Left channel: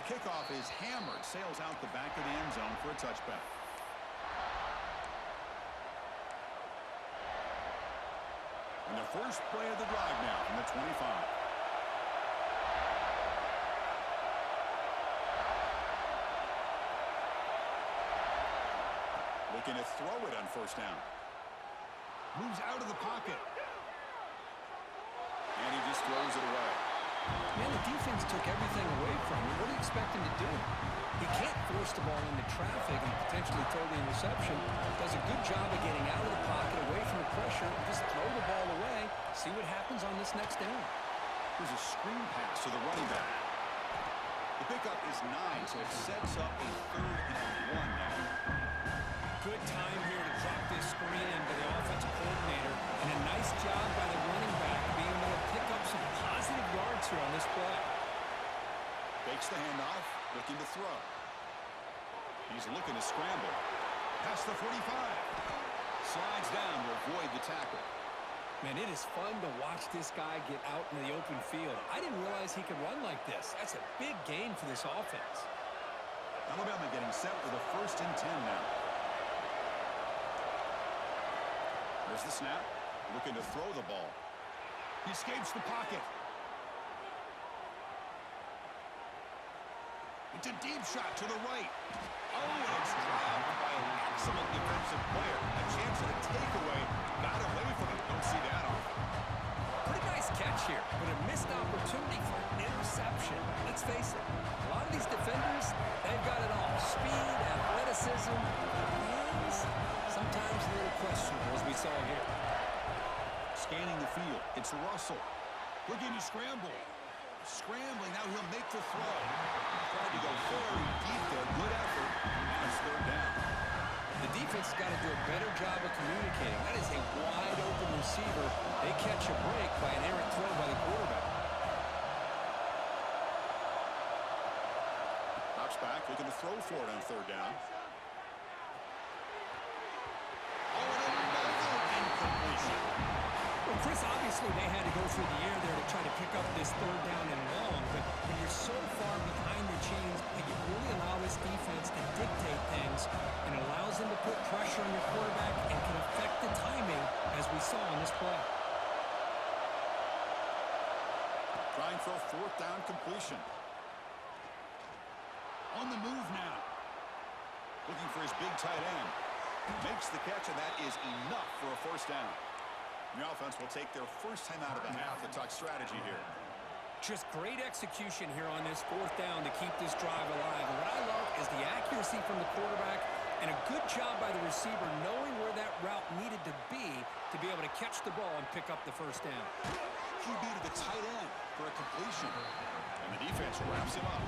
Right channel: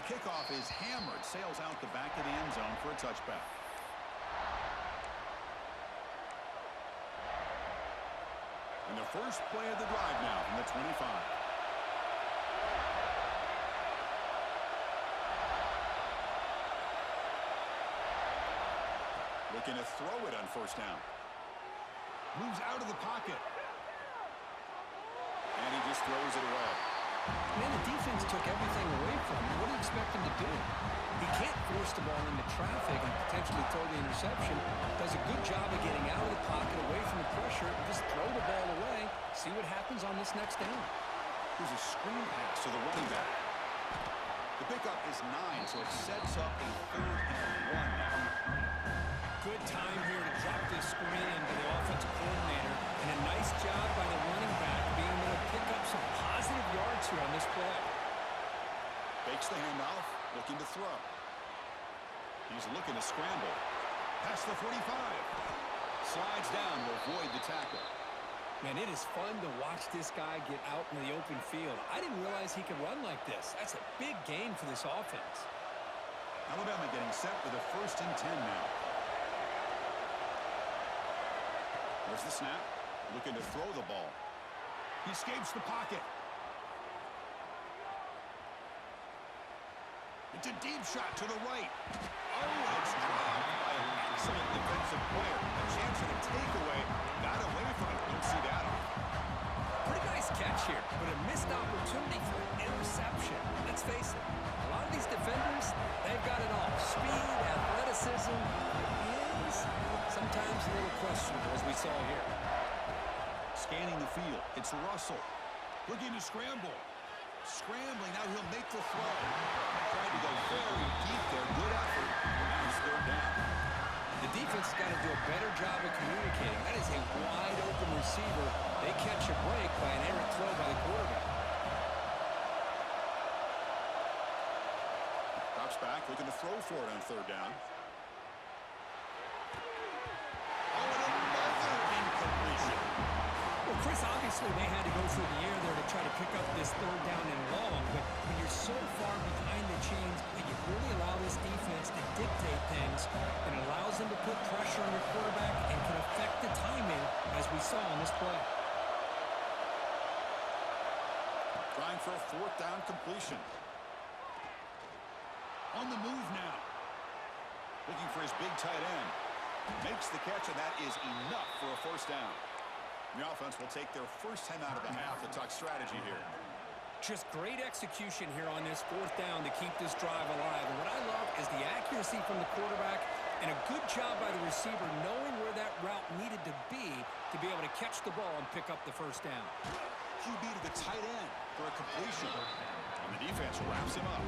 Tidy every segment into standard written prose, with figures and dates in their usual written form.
the kickoff is hammered, sails out the back of the end zone for a touchback. And the first play of the drive now from the 25. Looking to throw it on first down. Moves out of the pocket. And he just throws it away. Man, the defense took everything away from him. What do you expect him to do? He can't force the ball into traffic and potentially throw the interception. Does a good job of getting out of the pocket, away from the pressure, and just throw the ball away. See what happens on this next down. Here's a screen pass to the running back. The pickup is 9, so it sets up a 3rd and 1 now. Good time here to drop this screen into the offensive coordinator, and a nice job by the running back being able to pick up some positive yards here on this play. Fakes the handoff, looking to throw. He's looking to scramble. Past the 45. Slides down to avoid the tackle. Man, it is fun to watch this guy get out in the open field. I didn't realize he could run like this. That's a big gain for this offense. Alabama getting set with a 1st and 10 now. There's the snap. Looking to throw the ball. He escapes the pocket. It's a deep shot to the right. Oh, and it's dropped by an excellent defensive player. A chance at a takeaway. Got away from it. Don't see that often. Pretty nice catch here, but a missed opportunity for an interception. Let's face it, a lot of these defenders, they've got it all. Speed, athleticism, but hands, sometimes a little questionable, as we saw here. Scanning the field, it's Russell. Looking to scramble. Scrambling, now he'll make the throw. Tried to go very deep there, good effort. Now it's 3rd down. The defense has got to do a better job of communicating. That is a wide-open receiver. They catch a break by an errant throw by the quarterback. Drops back, looking to throw for it on 3rd down. Oh, and another incompletion. Well, Chris, obviously they had to go through the air there to try to pick up this 3rd down and long, but when you're so far behind the chains, you really allow this defense to dictate things, and it allows them to put pressure on your quarterback and can affect the timing, as we saw on this play. Trying for a 4th down completion. On the move now. Looking for his big tight end. Makes the catch, and that is enough for a 1st down. The offense will take their first time out of the half to talk strategy here. Just great execution here on this 4th down to keep this drive alive. And what I love is the accuracy from the quarterback and a good job by the receiver knowing where that route needed to be able to catch the ball and pick up the 1st down. QB to the tight end for a completion. And the defense wraps him up.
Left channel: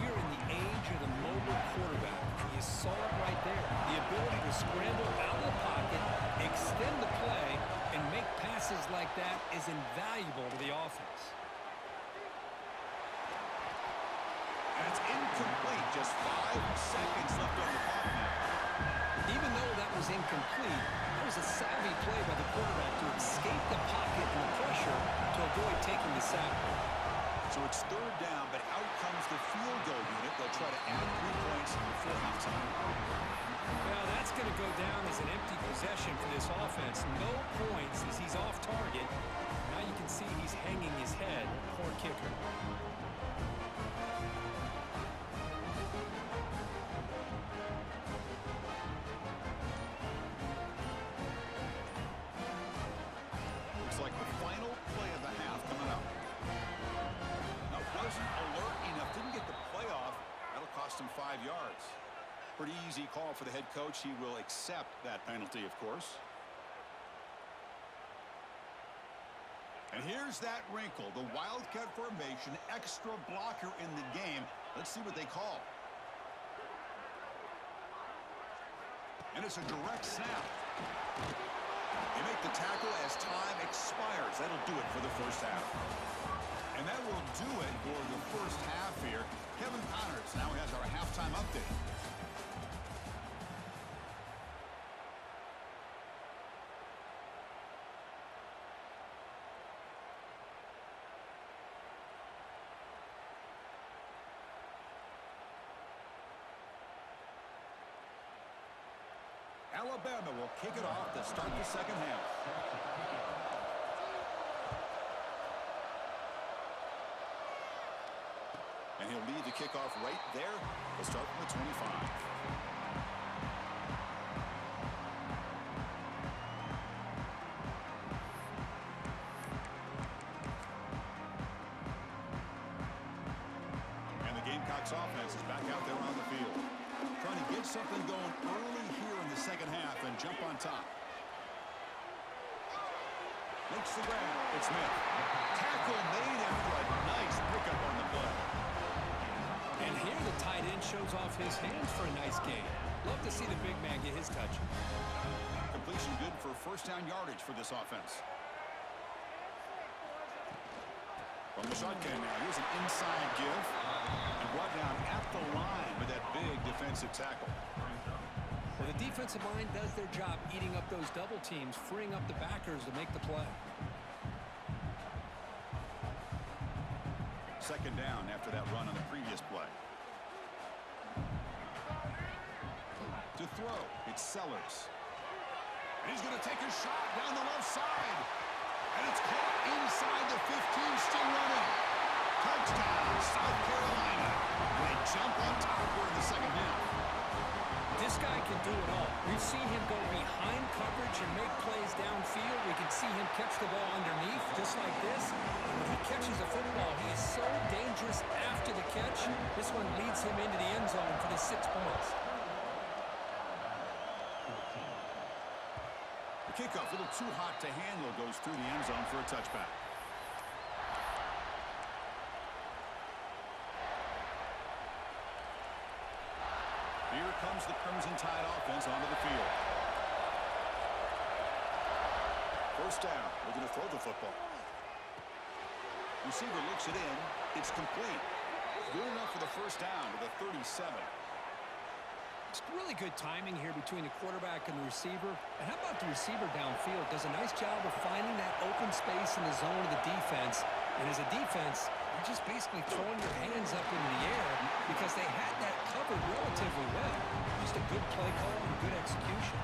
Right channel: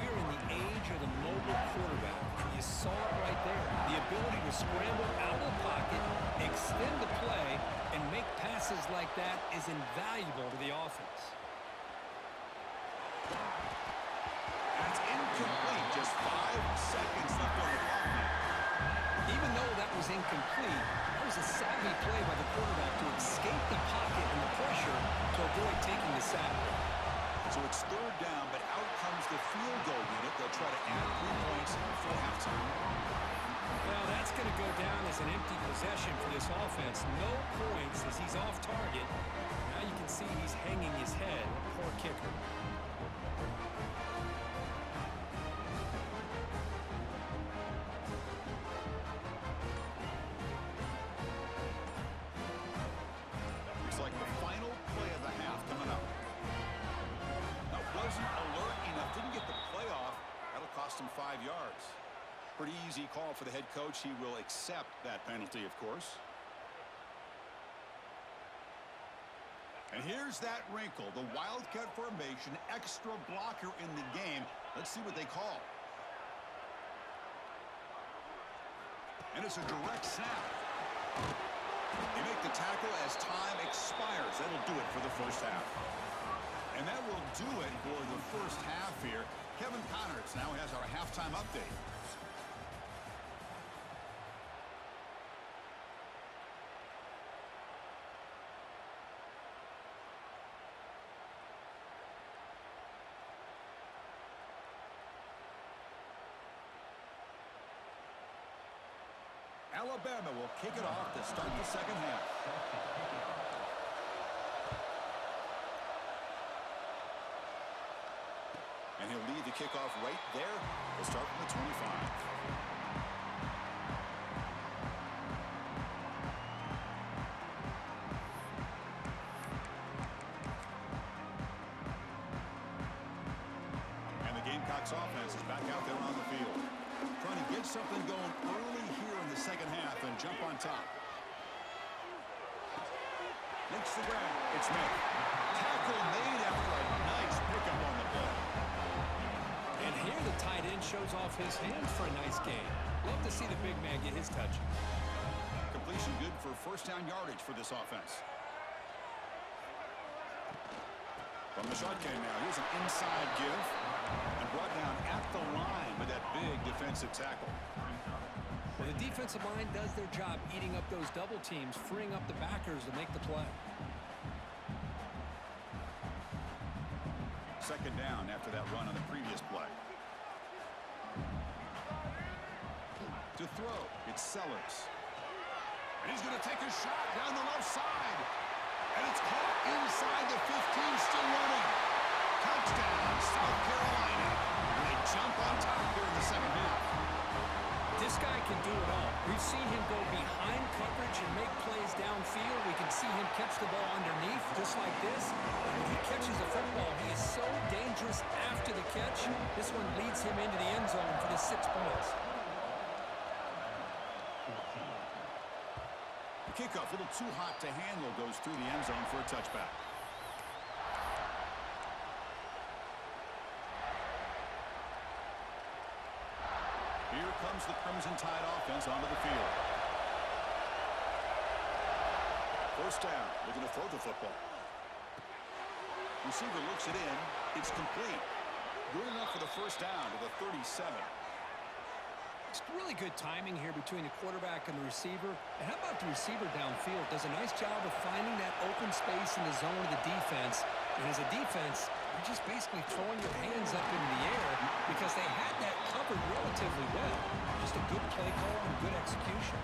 We are in the age of the mobile quarterback. You saw it right there. The ability to scramble out of the pocket, extend the play, and make passes like that is invaluable to the offense. And it's incomplete. Just 5 seconds left on the clock now. Even though that was incomplete, that was a savvy play by the quarterback to escape the pocket and the pressure to avoid taking the sack. So it's 3rd down, but out comes the field goal unit. They'll try to add 3 points before halftime. Well, that's going to go down as an empty possession for this offense. No points as he's off target. Now you can see he's hanging his head. Poor kicker. Looks like the final play of the half coming up. Wasn't alert enough, didn't get the play off. That'll cost him 5 yards. Pretty easy call for the head coach. He will accept that penalty, of course. And here's that wrinkle, the Wildcat formation, extra blocker in the game. Let's see what they call. And it's a direct snap. They make the tackle as time expires. That'll do it for the 1st half. And that will do it for the 1st half here. Kevin Connors now has our halftime update. Alabama will kick it off to start the second half. And he'll lead the kickoff right there. He'll start from the 25. And the Gamecocks offense is back out there on the field. Trying to get something going early here in the second half and jump on top. Makes the grab. It's Smith. Tackle made after a nice pickup on the play. And here the tight end shows off his hands for a nice gain. Love to see the big man get his touch. Completion good for first down yardage for this offense. From the shotgun now, here's an inside give. And brought down at the line with that big defensive tackle. Well, the defensive line does their job eating up those double teams, freeing up the backers to make the play. Second down after that run on the previous play. To throw, it's Sellers. And he's going to take a shot down the left side. And it's caught inside the 15, still running. Touchdown, South Carolina. And they jump on top here in the second half. This guy can do it all. We've seen him go behind coverage and make plays downfield. We can see him catch the ball underneath, just like this. When he catches a football, he is so dangerous after the catch. This one leads him into the end zone for the 6 points. The kickoff, a little too hot to handle, goes through the end zone for a touchback. Here comes the Crimson Tide offense onto the field. First down, looking to throw the football. Receiver looks it in. It's complete. Good enough for the first down to the 37. It's really good timing here between the quarterback and the receiver. And how about the receiver downfield? Does a nice job of finding that open space in the zone of the defense. And as a defense, you're just basically throwing your hands up into the air because they had that covered relatively well. Just a good play call and good execution.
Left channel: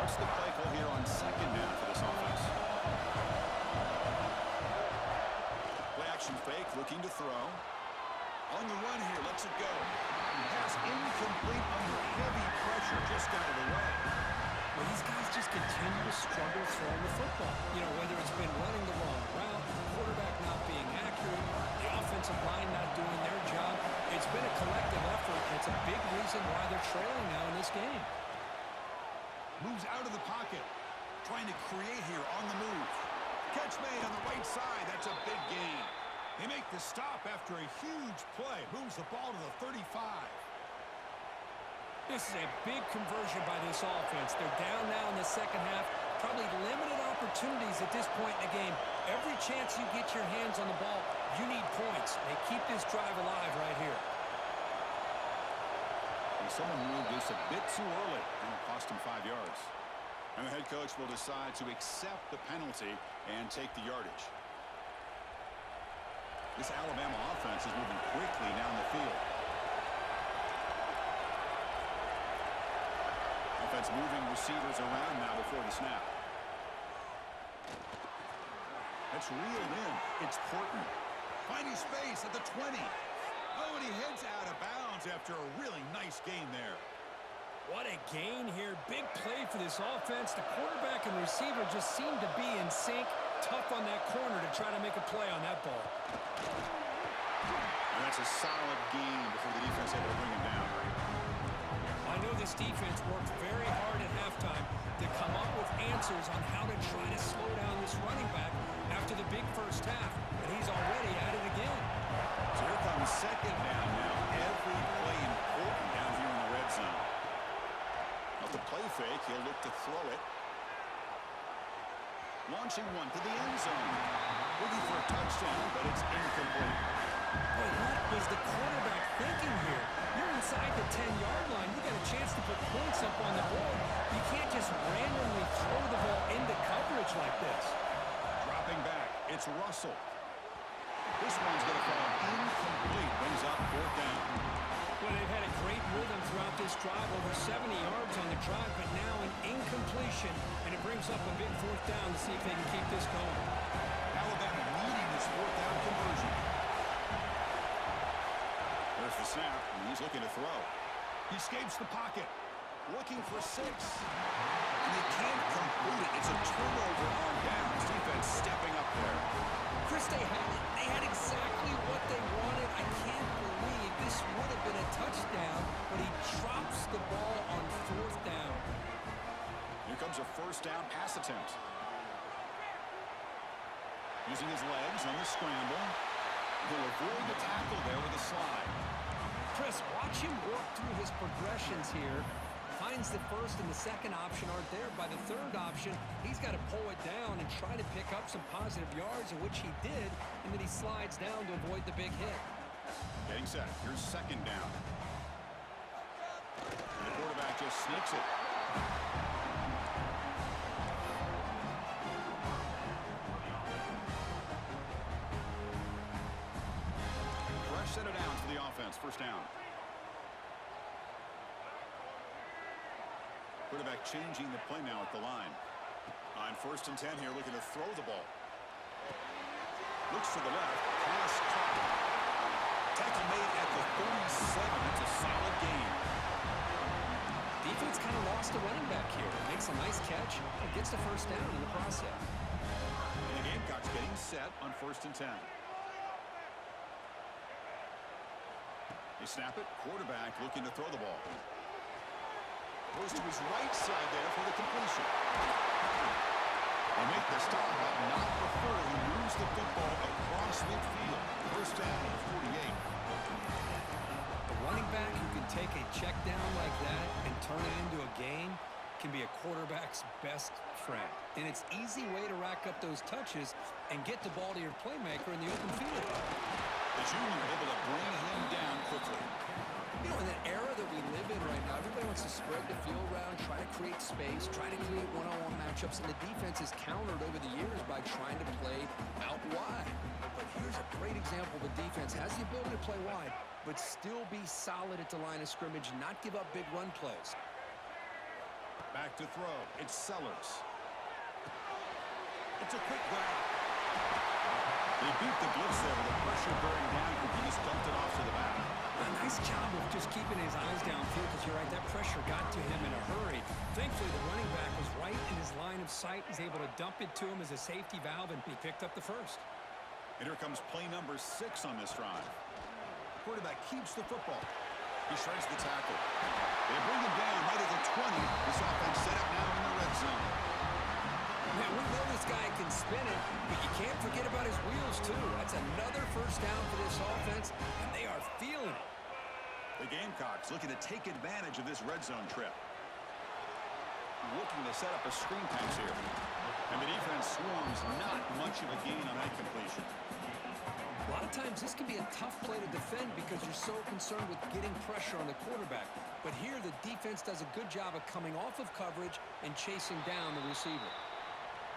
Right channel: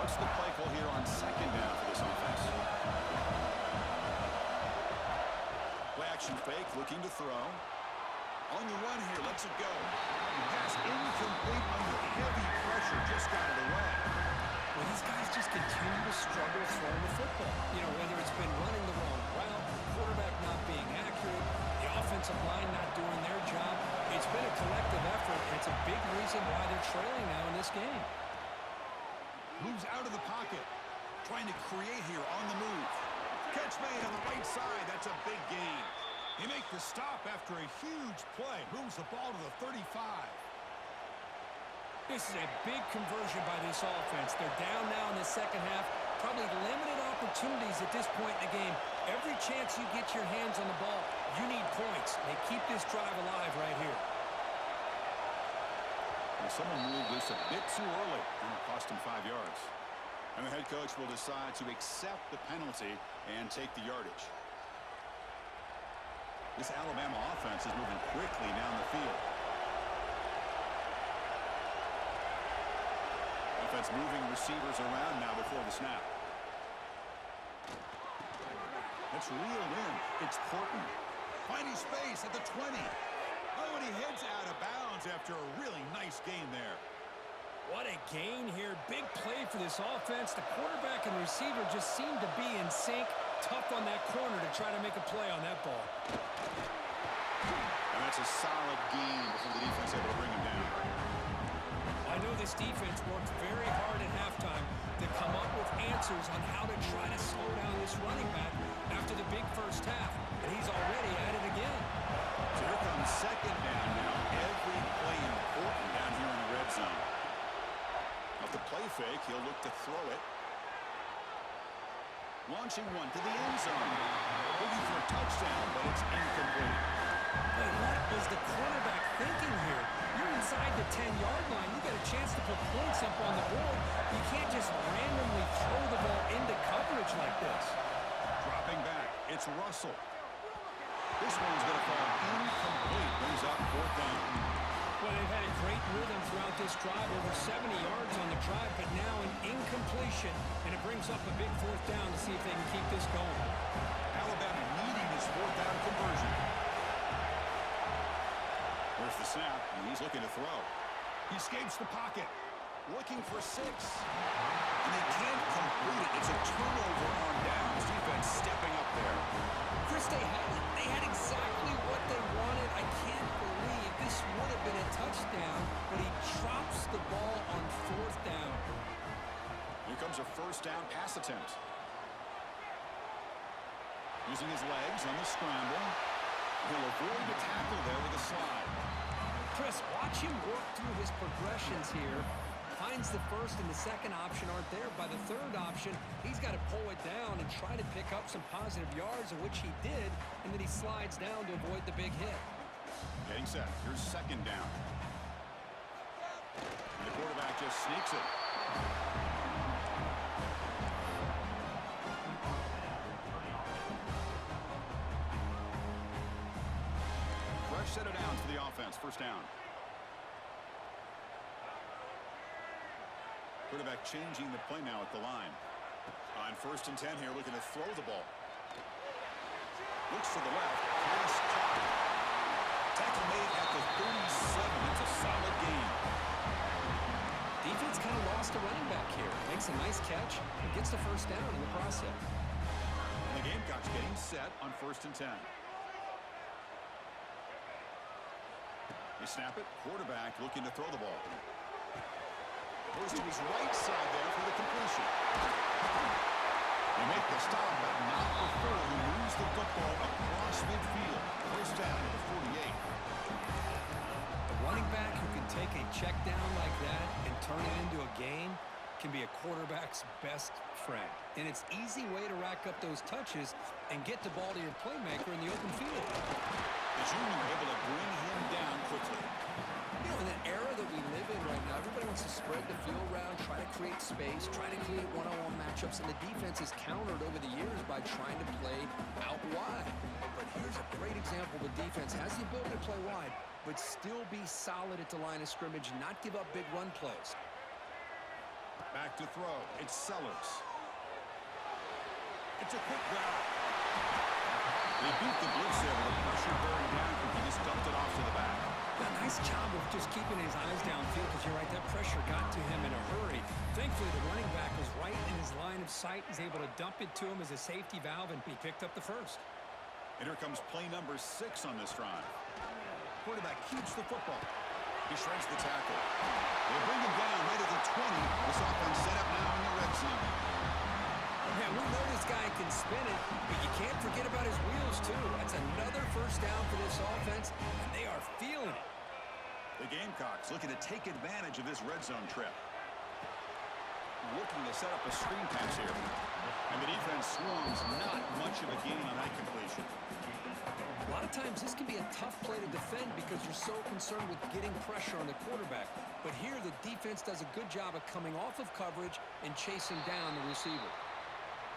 What's the play call here on second down for this offense? Play action fake, looking to throw. On the run here, lets it go. Pass incomplete under heavy pressure, just got it away. Well, these guys just continue to struggle throwing the football. You know, whether it's been running the wrong route, the quarterback not being accurate, the offensive line not doing their job. It's been a collective effort, and it's a big reason why they're trailing now in this game. Moves out of the pocket. Trying to create here on the move. Catch made on the right side. That's a big gain. They make the stop after a huge play. Moves the ball to the 35. This is a big conversion by this offense. They're down now in the second half. Probably limited opportunities at this point in the game. Every chance you get your hands on the ball, you need points. They keep this drive alive right here. And someone moved this a bit too early, and it cost him 5 yards. And the head coach will decide to accept the penalty and take the yardage. This Alabama offense is moving quickly down the field. Offense moving receivers around now before the snap. That's reeled in. It's Horton. Finding space at the 20. Oh, and he heads out of bounds after a really nice gain there. What a gain here. Big play for this offense. The quarterback and receiver just seem to be in sync. Tough on that corner to try to make a play on that ball. And that's a solid gain before the defense able to bring him down. I know this defense worked very hard at halftime to come up with answers on how to try to slow down this running back after the big first half. And he's already at it again. So here comes second down now. Every play important down here in the red zone. Off the play fake, he'll look to throw it. Launching one to the end zone. Looking for a touchdown, but it's incomplete. Boy, what was the quarterback thinking here? You're inside the 10-yard line. You got a chance to put points up on the board. You can't just randomly throw the ball into coverage like this. Dropping back, it's Russell. This one's going to fall incomplete. Brings up fourth down. Well, they've had a great rhythm throughout this drive, over 70 yards on the drive, but now an incompletion, and it brings up a big fourth down to see if they can keep this going. Alabama needing this fourth down conversion. There's the snap, and he's looking to throw. He escapes the pocket, looking for 6. And they can't complete it. It's a turnover on downs. Defense stepping up there. Chris, they had exactly what they wanted. I can't believe this would have been a touchdown, but he drops the ball on fourth down. Here comes a first down pass attempt. Using his legs on the scramble. He'll avoid the tackle there with a slide. Chris, watch him work through his progressions here. Finds the first and the second option aren't there. By the third option, he's got to pull it down and try to pick up some positive yards, of which he did, and then he slides down to avoid the big hit. Getting set. Here's second down. And the quarterback just sneaks it. Fresh set of downs for the offense. First down. Quarterback changing the play now at the line. On first and 10 here, looking to throw the ball. Looks to the left. Pass caught. Tackle made at the 37. That's a solid gain. Defense kind of lost a running back here. Makes a nice catch and gets the first down in the process. And the Gamecocks getting set on first and 10. They snap it. Quarterback looking to throw the ball. Goes to his right side there for the completion. They make the stop, but not before he moves the football across midfield. First down to the 48. A running back who can take a check down like that and turn it into a gain can be a quarterback's best friend. And it's an easy way to rack up those touches and get the ball to your playmaker in the open field. The junior able to bring him down quickly. You know, in that era that we live in right now, everybody wants to spread the field around, try to create space, try to create one-on-one matchups, and the defense is countered over the years by trying to play out wide. But here's a great example of a defense has the ability to play wide, but still be solid at the line of scrimmage, not give up big run plays. Back to throw. It's Sellers. It's a quick grab. They beat the blitz there with the pressure bearing down. He just dumped it off to the back. A nice job of just keeping his eyes downfield, because you're right, that pressure got to him in a hurry. Thankfully, the running back was right in his line of sight. He's able to dump it to him as a safety valve, and he picked up the first. And here comes play number 6 on this drive. Quarterback keeps the football. He shreds the tackle. They bring him down right at the 20. This offense set up now in the red zone. Man, we know this guy can spin it, but you can't forget about his wheels, too. That's another first down for this offense, and they are feeling it. The Gamecocks looking to take advantage of this red zone trip. Looking to set up a screen pass here. And the defense swarms, not much of a gain on that completion. A lot of times this can be a tough play to defend because you're so concerned with getting pressure on the quarterback. But here the defense does a good job of coming off of coverage and chasing down the receiver.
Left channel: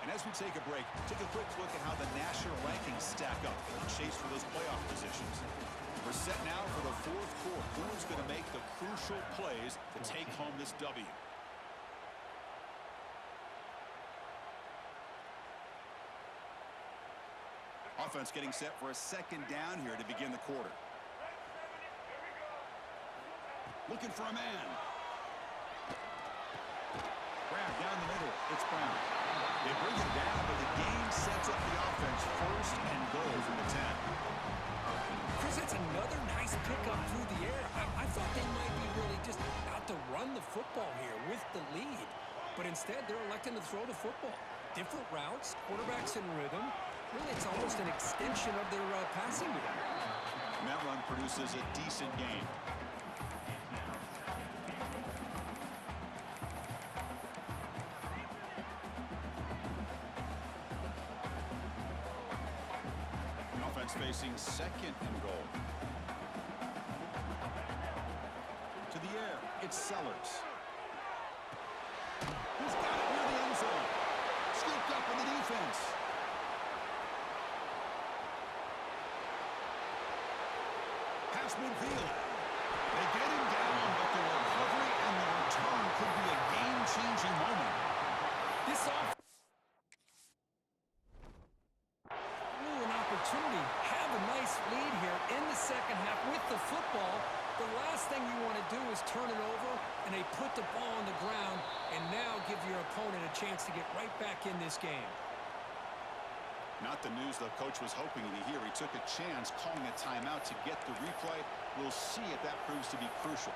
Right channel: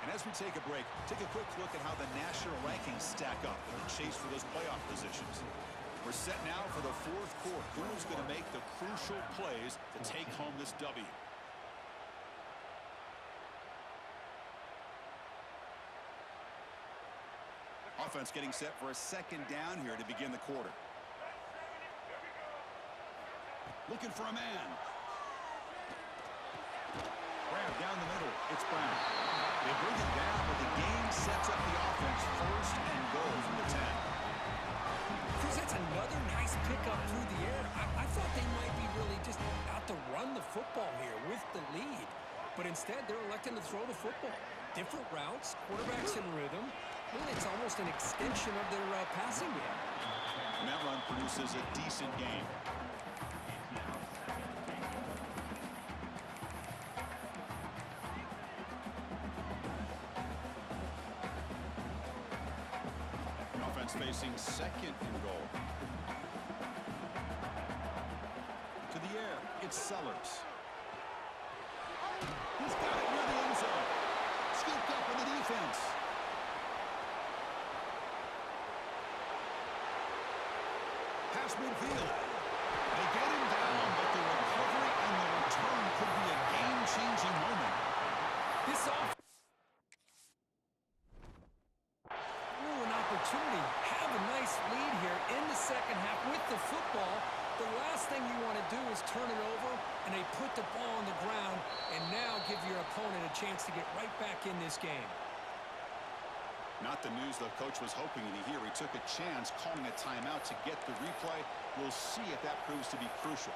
And as we take a break, take a quick look at how the national rankings stack up in the chase for those playoff positions. We're set now for the fourth quarter. Who's going to make the crucial plays to take home this W? Offense getting set for a second down here to begin the quarter. Looking for a man. Grab down the middle. It's Brown. They bring him down, but the game sets up the offense first and goal from the 10. Chris, that's another nice pickup through the air. I thought they might be really just out to run the football here with the lead. But instead, they're electing to throw the football. Different routes, quarterbacks in rhythm. Really, it's almost an extension of their passing game. And that run produces a decent gain. Offense facing second and goal. To the air, it's Sellers. He's got it near the end zone. Scooped up in the defense. reach midfield. They get him down, but the recovery and the return could be a game-changing moment. This off an opportunity. Have a nice lead here in the second half with the football. The last thing you want to do is turn it over, and they put the ball on the ground and now give your opponent a chance to get right back in this game. Not the news the coach was hoping to hear. He took a chance calling a timeout to get the replay. We'll see if that proves to be crucial.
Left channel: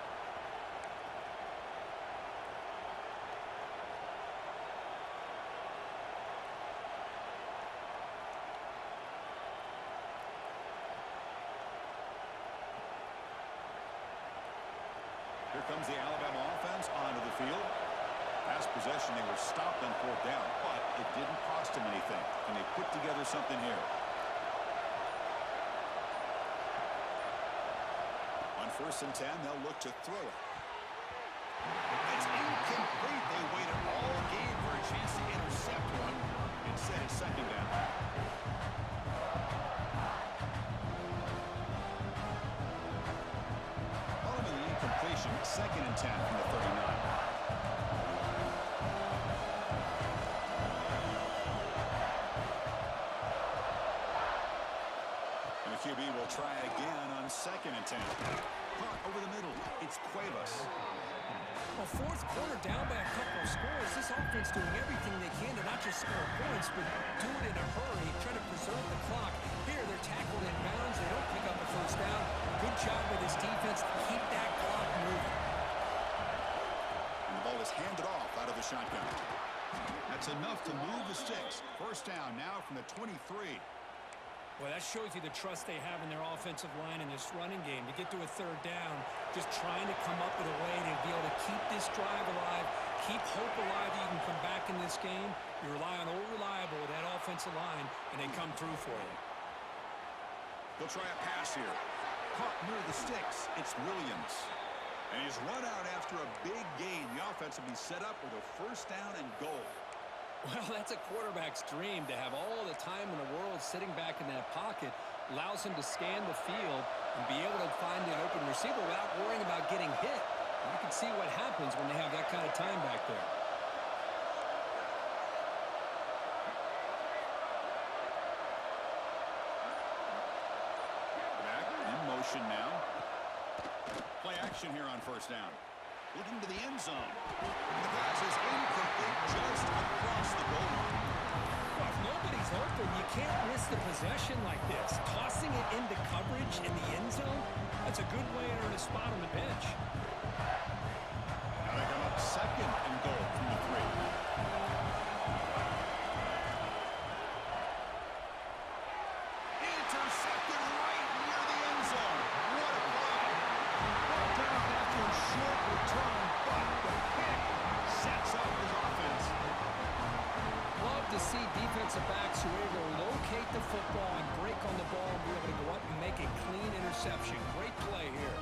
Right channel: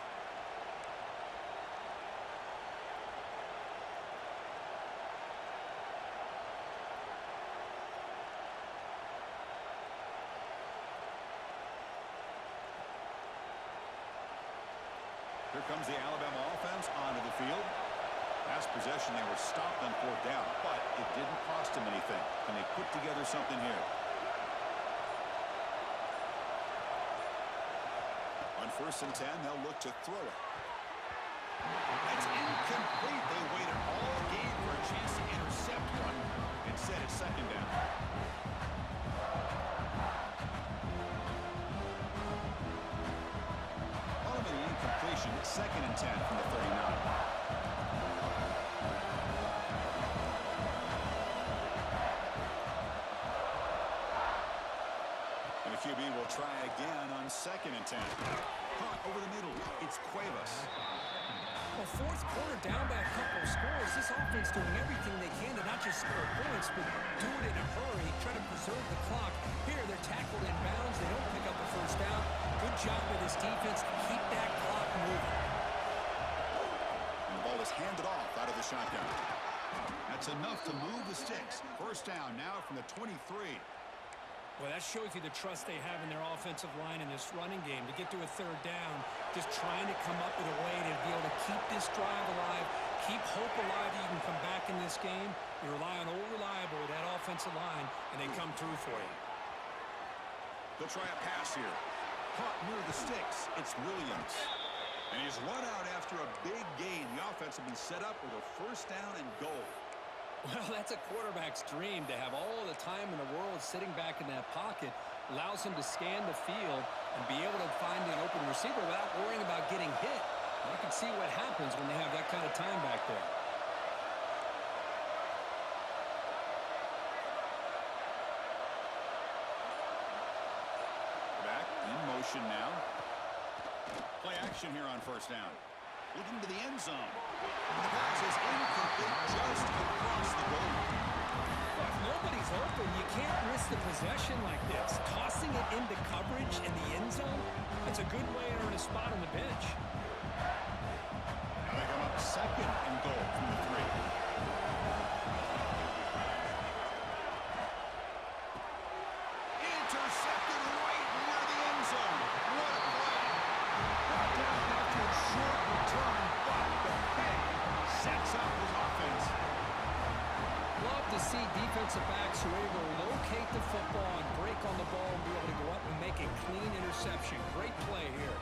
Here comes the Alabama offense onto the field. Last possession, they were stopped on 4th down, but it didn't cost them anything. Can they put together something here? On 1st and 10, they'll look to throw it. It's incomplete. They waited all game for a chance to intercept one. Instead, it's 2nd down. Following the incompletion, 2nd and 10 from the 39. And the QB will try again on 2nd and 10. Caught over the middle. It's Cuevas. Well, 4th quarter down by a couple of scores. This offense doing everything they can to not just score points, but do it in a hurry, try to preserve the clock. Here, they're tackled in bounds. They don't pick up a 1st down. Good job by this defense to keep that clock moving. And the ball is handed off out of the shotgun. That's enough to move the sticks. 1st down now from the 23. Well, that shows you the trust they have in their offensive line in this running game. To get to a 3rd down, just trying to come up with a way to be able to keep this drive alive, keep hope alive that you can come back in this game. You rely on old reliable with that offensive line, and they come through for you. They'll try a pass here. Caught near the sticks. It's Williams. And he's run out after a big gain. The offense will be set up with a 1st down and goal. Well, that's a quarterback's dream to have all the time in the world sitting back in that pocket. Allows him to scan the field and be able to find an open receiver without worrying about getting hit. And you can see what happens when they have that kind of time back there. Back in motion now. Play action here on 1st down. Looking to the end zone. The pass is incomplete just across the goal line. Well, if nobody's open, you can't risk the possession like this. Tossing it into coverage in the end zone, that's a good way to earn a spot on the bench. Now they come up 2nd and goal from the 3. Intercepted right near the end zone. What a play. Brought down after a short return, but the pick sets up his offense. Love to see defensive backs who are able to locate the football and break on the ball and be able to go up and make a clean interception. Great play here.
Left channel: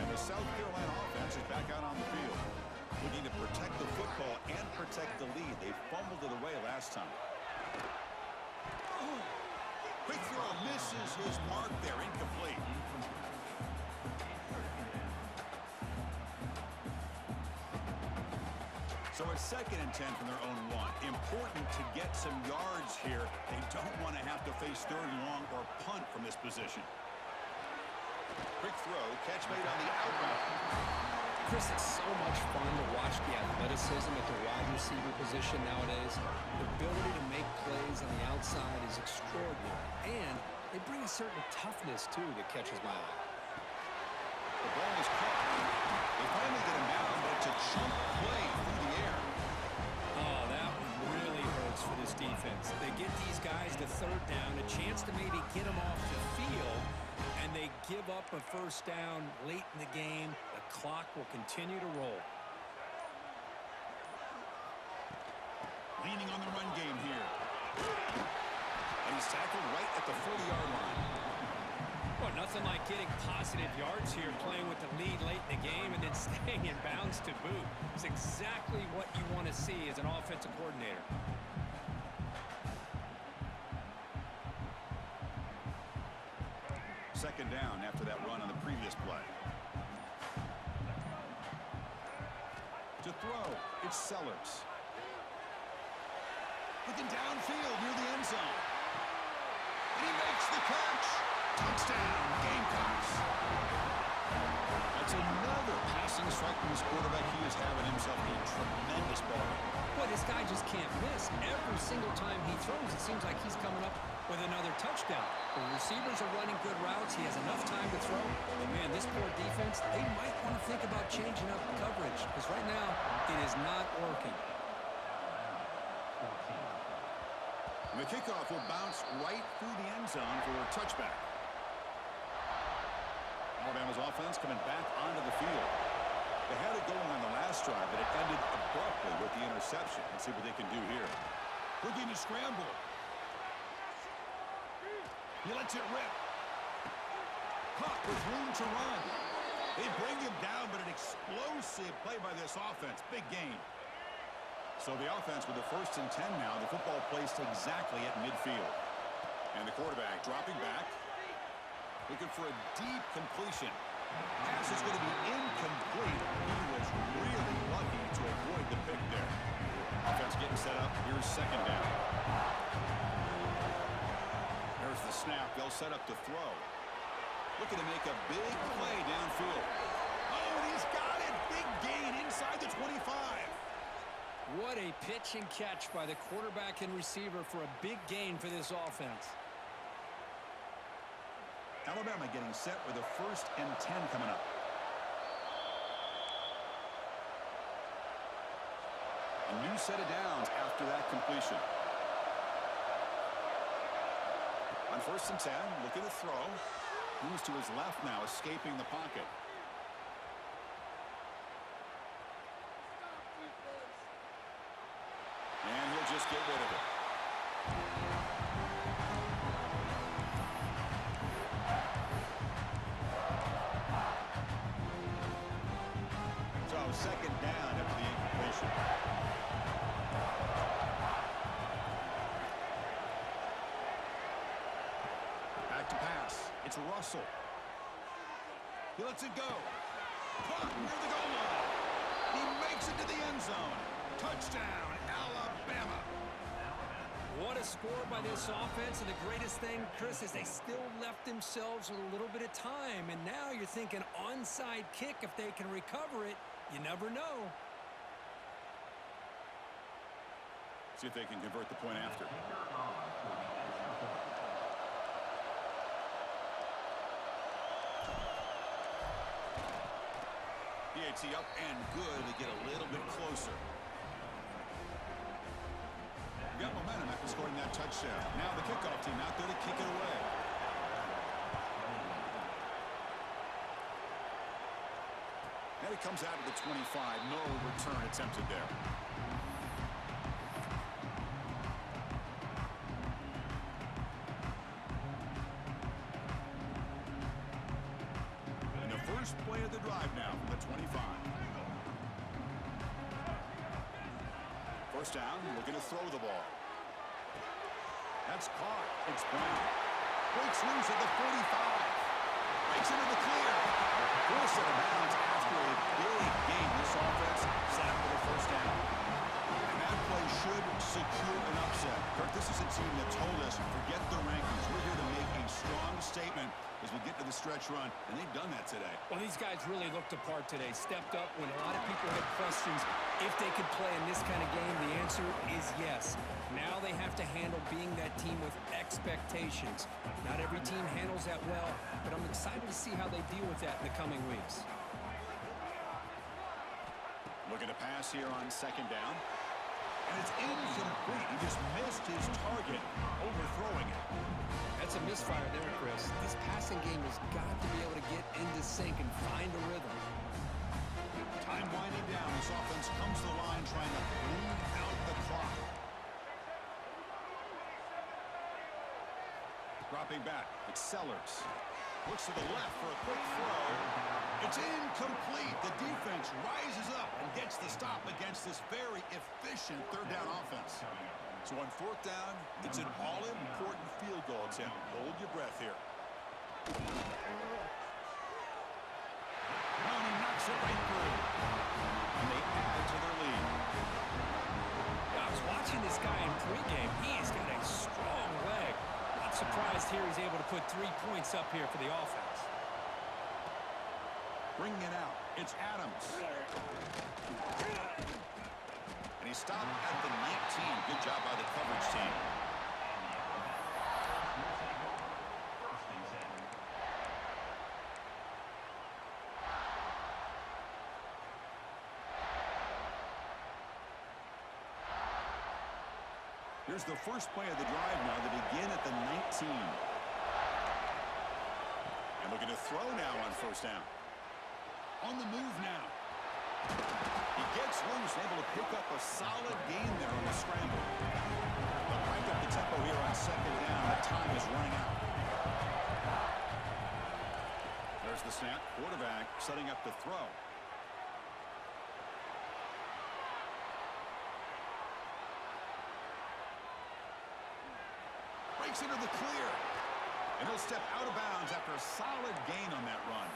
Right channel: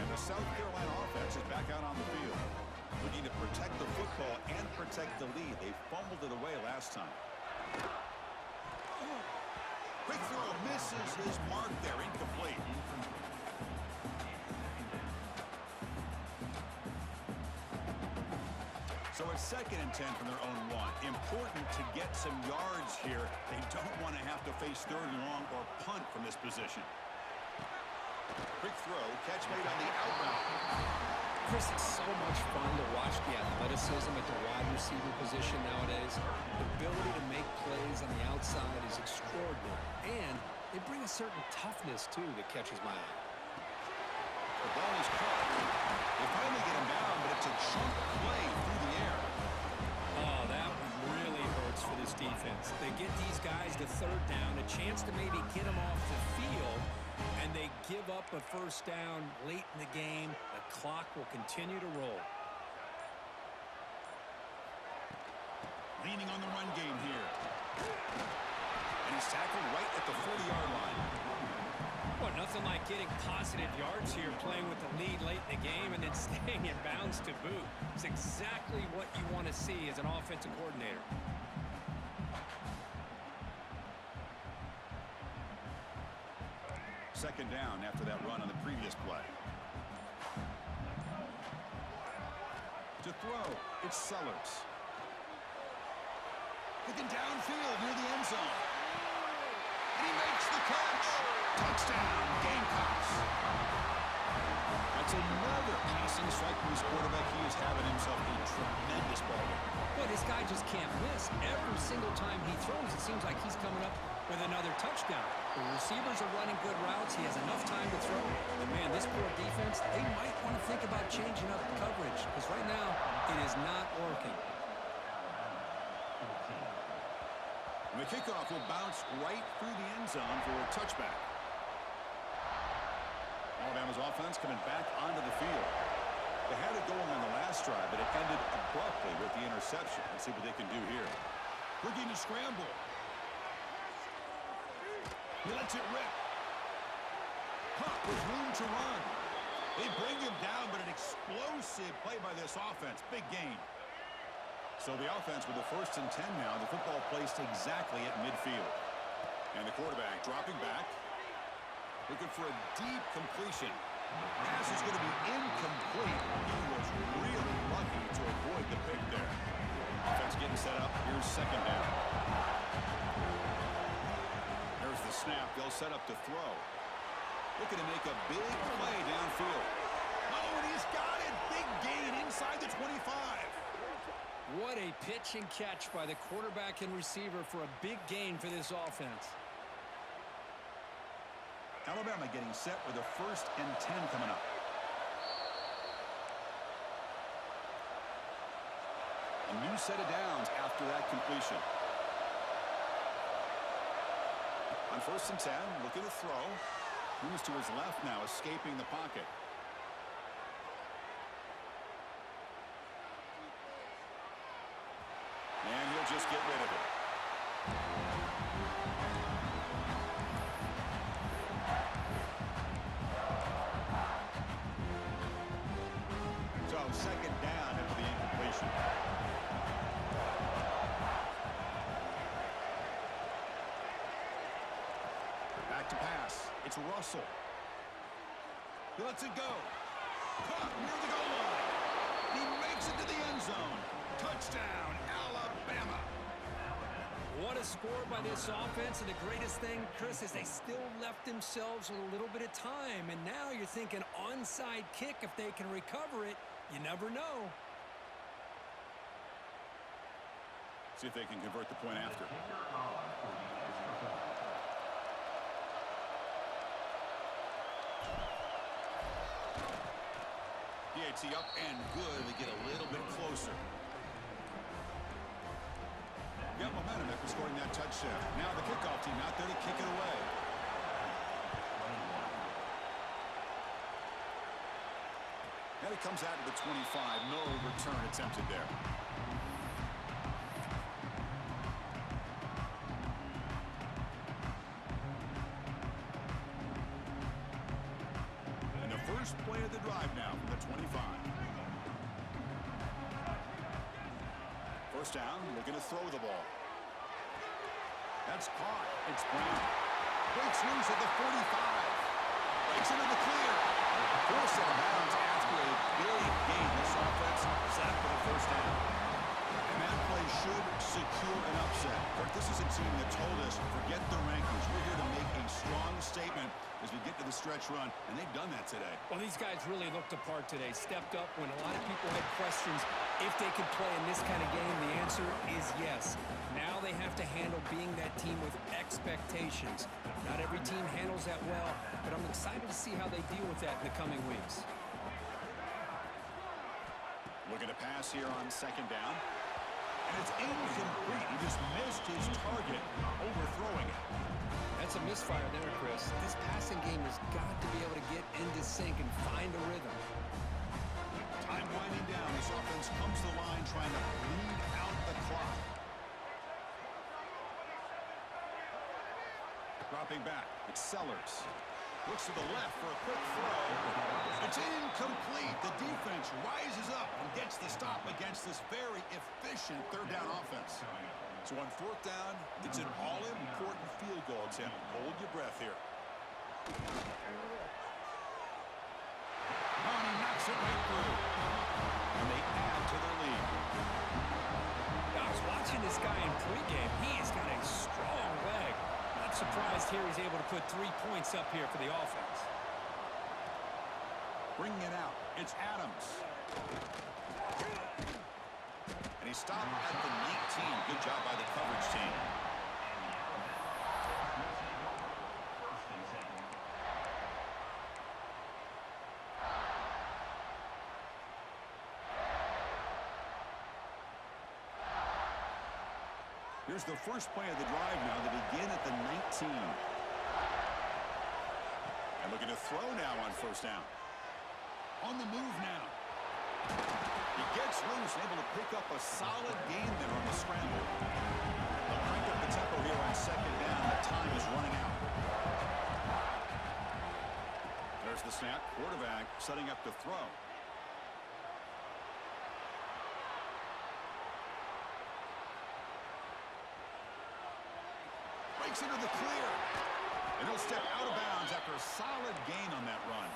And the South Carolina offense is back out on the field, looking to protect the football and protect the lead. They fumbled it away last time. Quick throw misses his mark there, incomplete. So it's 2nd and 10 from their own 1. Important to get some yards here. They don't want to have to face 3rd and long or punt from this position. Quick throw, catch made on the out route. Chris, it's so much fun to watch the athleticism at the wide receiver position nowadays. The ability to make plays on the outside is extraordinary. And they bring a certain toughness, too, that catches my eye. The ball is caught. They finally get him down, but it's a chunk play through the air. Oh, that one really hurts for this defense. They get these guys to 3rd down, a chance to maybe get them off the field, and they give up a 1st down late in the game. The clock will continue to roll. Leaning on the run game here. And he's tackled right at the 40-yard line. Well, nothing like getting positive yards here, playing with the lead late in the game and then staying in bounds to boot. It's exactly what you want to see as an offensive coordinator. second down after that run on the previous play. To throw, it's Sellers. Looking downfield near the end zone. And he makes the catch. Touchdown, Gamecocks. That's another passing strike from this quarterback. He is having himself a tremendous ball game. Boy, this guy just can't miss. Every single time he throws, it seems like he's coming up with another touchdown. The receivers are running good routes. He has enough time to throw. And, man, this poor defense, they might want to think about changing up the coverage because right now it is not working. And the kickoff will bounce right through the end zone for a touchback. Alabama's offense coming back onto the field. They had it going on the last drive, but it ended abruptly with the interception. Let's see what they can do here. Looking to scramble. He lets it rip. Caught with room to run. They bring him down, but an explosive play by this offense. Big gain. So the offense with the 1st and 10 now. The football placed exactly at midfield. And the quarterback dropping back. Looking for a deep completion. Pass is going to be incomplete. He was really lucky to avoid the pick there. Offense getting set up. Here's second down. There's the snap. They'll set up to throw. Looking to make a big play downfield. Oh, and he's got it. Big gain inside the 25. What a pitch and catch by the quarterback and receiver for a big gain for this offense. Alabama getting set with a 1st and 10 coming up. A new set of downs after that completion. On 1st and 10, looking to throw. Moves to his left now, escaping the pocket. And he'll just get rid of it. So second down after the incompletion. Back to pass. It's Russell. He lets it go. Caught near the goal line. He makes it to the end zone. Touchdown, Alabama. What a score by this offense, and the greatest thing, Chris, is they still left themselves with a little bit of time, and now you're thinking onside kick if they can recover it. You never know. See if they can convert the point after. DHC up and good. They get a little bit closer. Got momentum after scoring that touchdown. Now the kickoff team out there to kick it away. And it comes out to the 25. No return attempted there. And the first play of the drive now from the 25. First down, looking to throw the ball. That's caught. It's Brown. Breaks loose at the 45. Breaks into the clear. Forced out of bounds after a big gain. This offense set up with a first down. And that play should secure an upset. Kirk, this is a team that told us, forget the rankings. We're here to make a strong statement as we get to the stretch run, and they've done that today. Well, these guys really looked apart today. Stepped up when a lot of people had questions if they could play in this kind of game. The answer is yes. Now they have to handle being that team with expectations. Not every team handles that well, but I'm excited to see how they deal with that in the coming weeks. Looking to pass here on second down. And it's incomplete. He just missed his target, overthrowing it. That's a misfire there, Chris. This passing game has got to be able to get into sync and find a rhythm. Time winding down. This offense comes to the line trying to bleed out the clock. Dropping back. It's Sellers. Looks to the left for a quick throw. It's incomplete. The defense rises up and gets the stop against this very efficient third down offense. So on fourth down, it's an all-important field goal attempt. Hold your breath here. Oh, and he knocks it right through. And they add to their lead. Yeah, I was watching this guy in pregame. He has got a strong leg. Not surprised here he's able to put 3 points up here for the offense. Bringing it out. It's Adams. And he stopped at the 19. Good job by the coverage team. Here's the first play of the drive now. They begin at the 19. And looking to throw now on first down. On the move now. He gets loose, able to pick up a solid gain there on the scramble. They'll crank up the tempo here on second down. The time is running out. There's the snap. Quarterback setting up to throw. Breaks into the clear. And he'll step out of bounds after a solid gain on that run.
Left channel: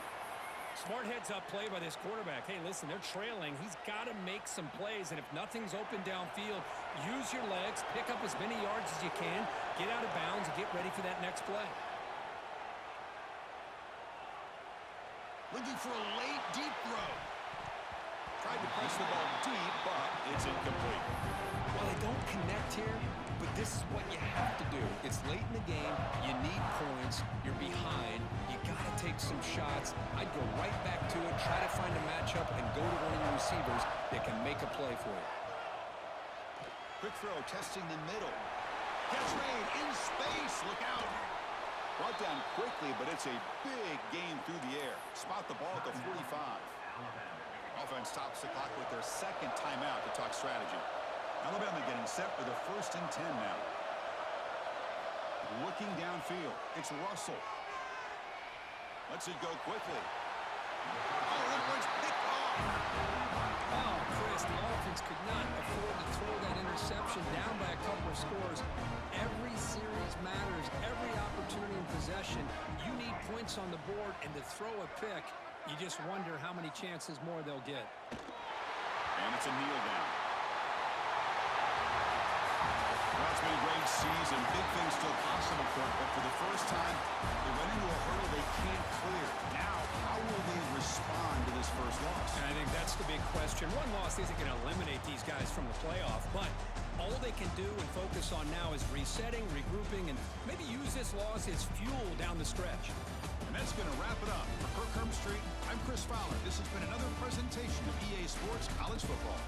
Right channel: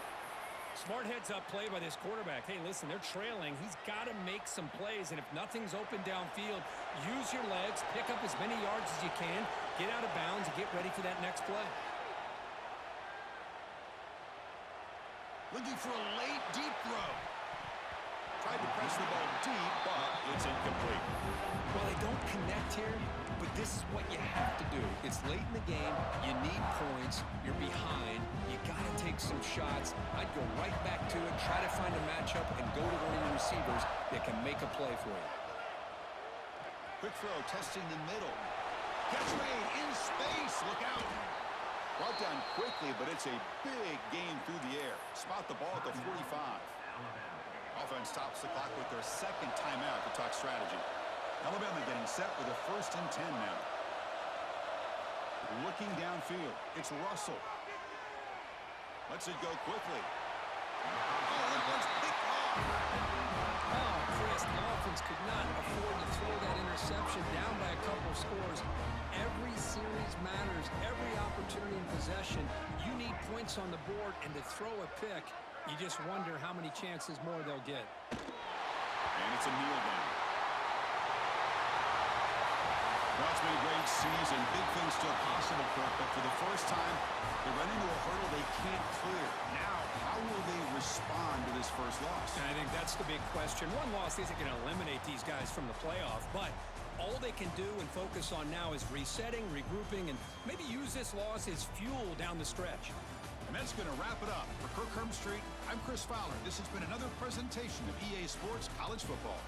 Smart heads-up play by this quarterback. Hey, listen, they're trailing. He's got to make some plays, and if nothing's open downfield, use your legs, pick up as many yards as you can, get out of bounds, and get ready for that next play. Looking for a late, deep throw. Tried to press the ball deep, but it's incomplete. Well, they don't connect here, but this is what you have to do. It's late in the game. You need points. You're behind. You got to take some shots. I'd go right back to it, try to find a matchup, and go to one of your receivers that can make a play for you. Quick throw, testing the middle. Catch made in space. Look out. Brought down quickly, but it's a big gain through the air. Spot the ball at the 45. Offense stops the clock with their second timeout to talk strategy. Alabama getting set with a 1st and 10 now. Looking downfield. It's Russell. Lets it go quickly. Oh, that one's picked off. Oh, Chris, the offense could not afford to throw that interception down by a couple of scores. Every series matters. Every opportunity in possession. You need points on the board, and to throw a pick, you just wonder how many chances more they'll get. And it's a kneel down. Well, it's been a great season. Big things still possible, Kirk, but for the first time, they run into a hurdle they can't clear. Now, how will they respond to this first loss? And I think that's the big question. One loss isn't going to eliminate these guys from the playoff, but all they can do and focus on now is resetting, regrouping, and maybe use this loss as fuel down the stretch. And that's going to wrap it up. For Kirk Street, I'm Chris Fowler. This has been another presentation of EA Sports College Football.